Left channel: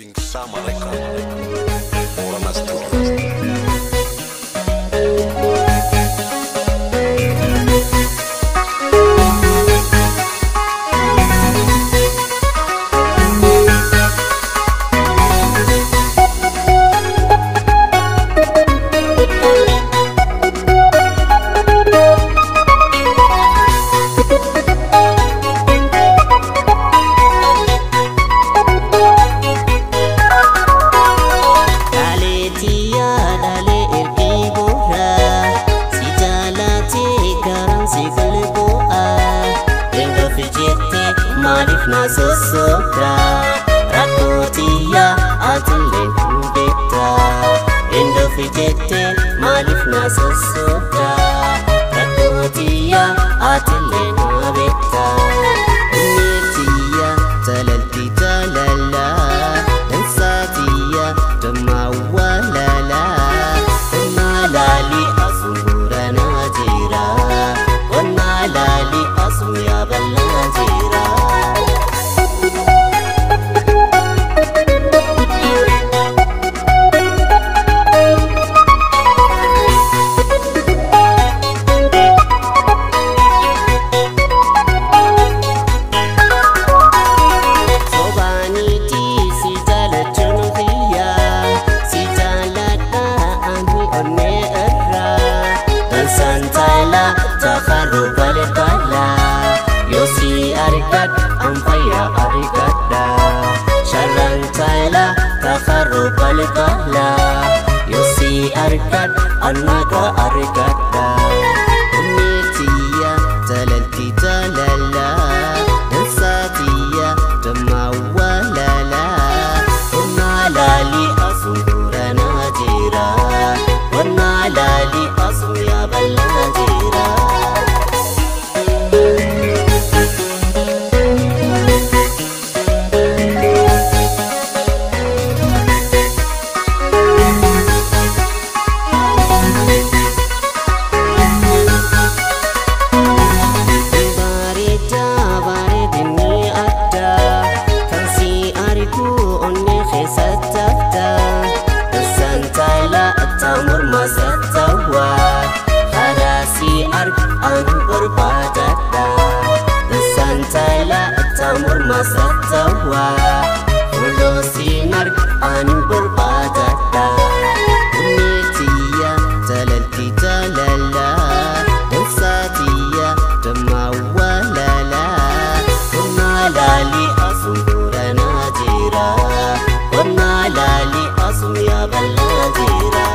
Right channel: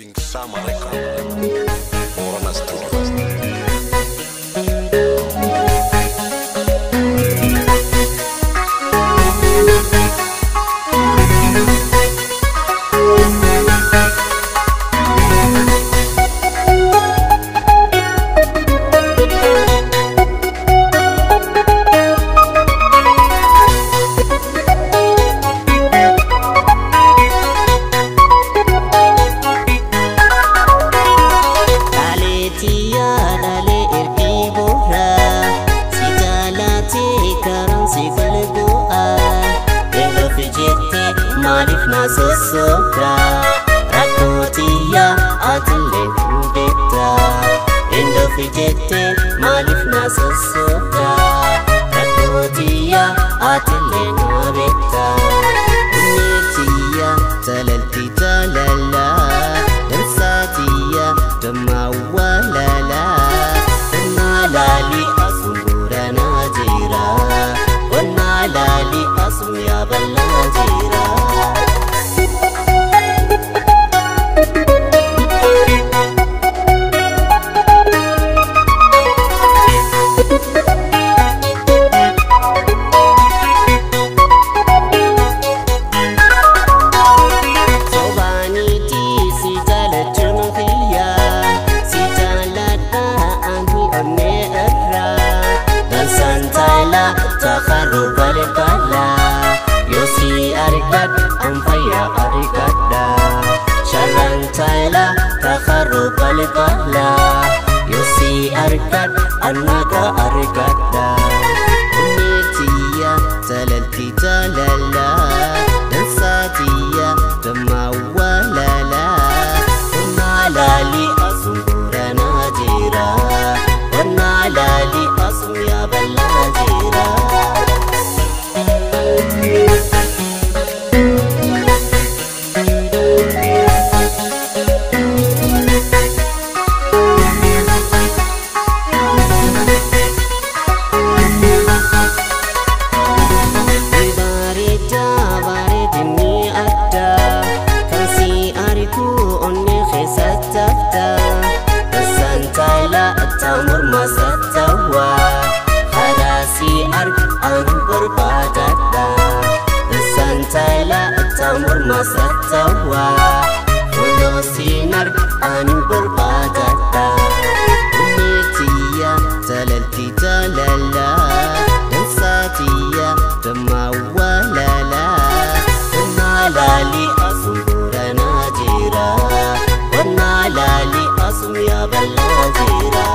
King Sama Record Borana Studio. Malif nasosoda rakotiya atlen beta endo fijete malif nasosoda rakotiya atlen beta unitiya talalti talala dan satiya damawalala kunalali asungura najira kunalali asum ya balajira Santala takharu balibala yosi arikat amfaya arikada sharantala takharu balibala yosi arikat anaga arikada unitiya talalti talala dan satiya damawalala unalali asungura najira unalali asum ya balajira baridini ada kan si ariku onne khesatafta santala tamur masatawa harasi ark an berbadada santala tamur masatawa fulosinar an berbadada unitiya talalti talala dan satiya damawalala kunalali asungura najira kunalali asum ya balajira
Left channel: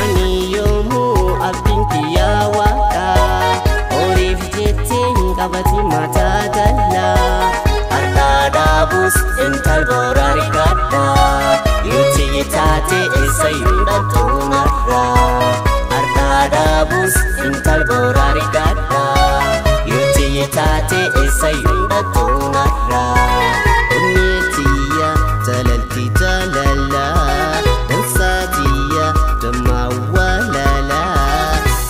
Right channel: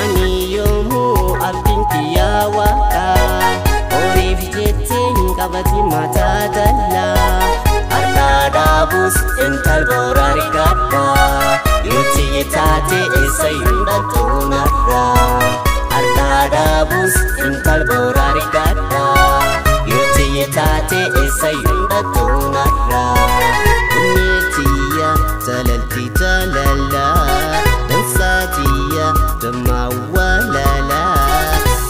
aniyomu abdinkiya waka orif jeting kabati mata dalla Arnadabus intal borarikada yuti tate isayunda tunarra Arnadabus intal borarikada yuti tate isayunda tunarra unitiya talalti talala dan satiya damawalala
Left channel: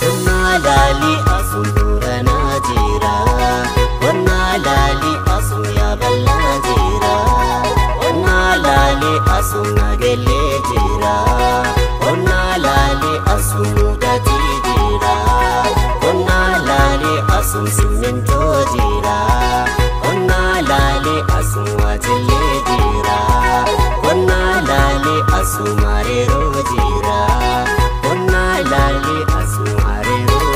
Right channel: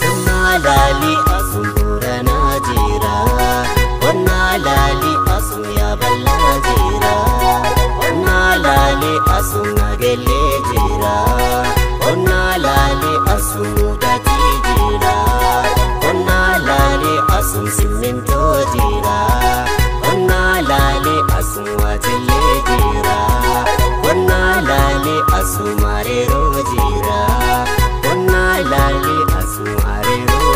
unalali asungura najira unalali asum ya balajira unalali asum nagelejira unalali asum datijira unalali asum simento jira unalali asum wajlejira unalali asum arero jira unalali asum arero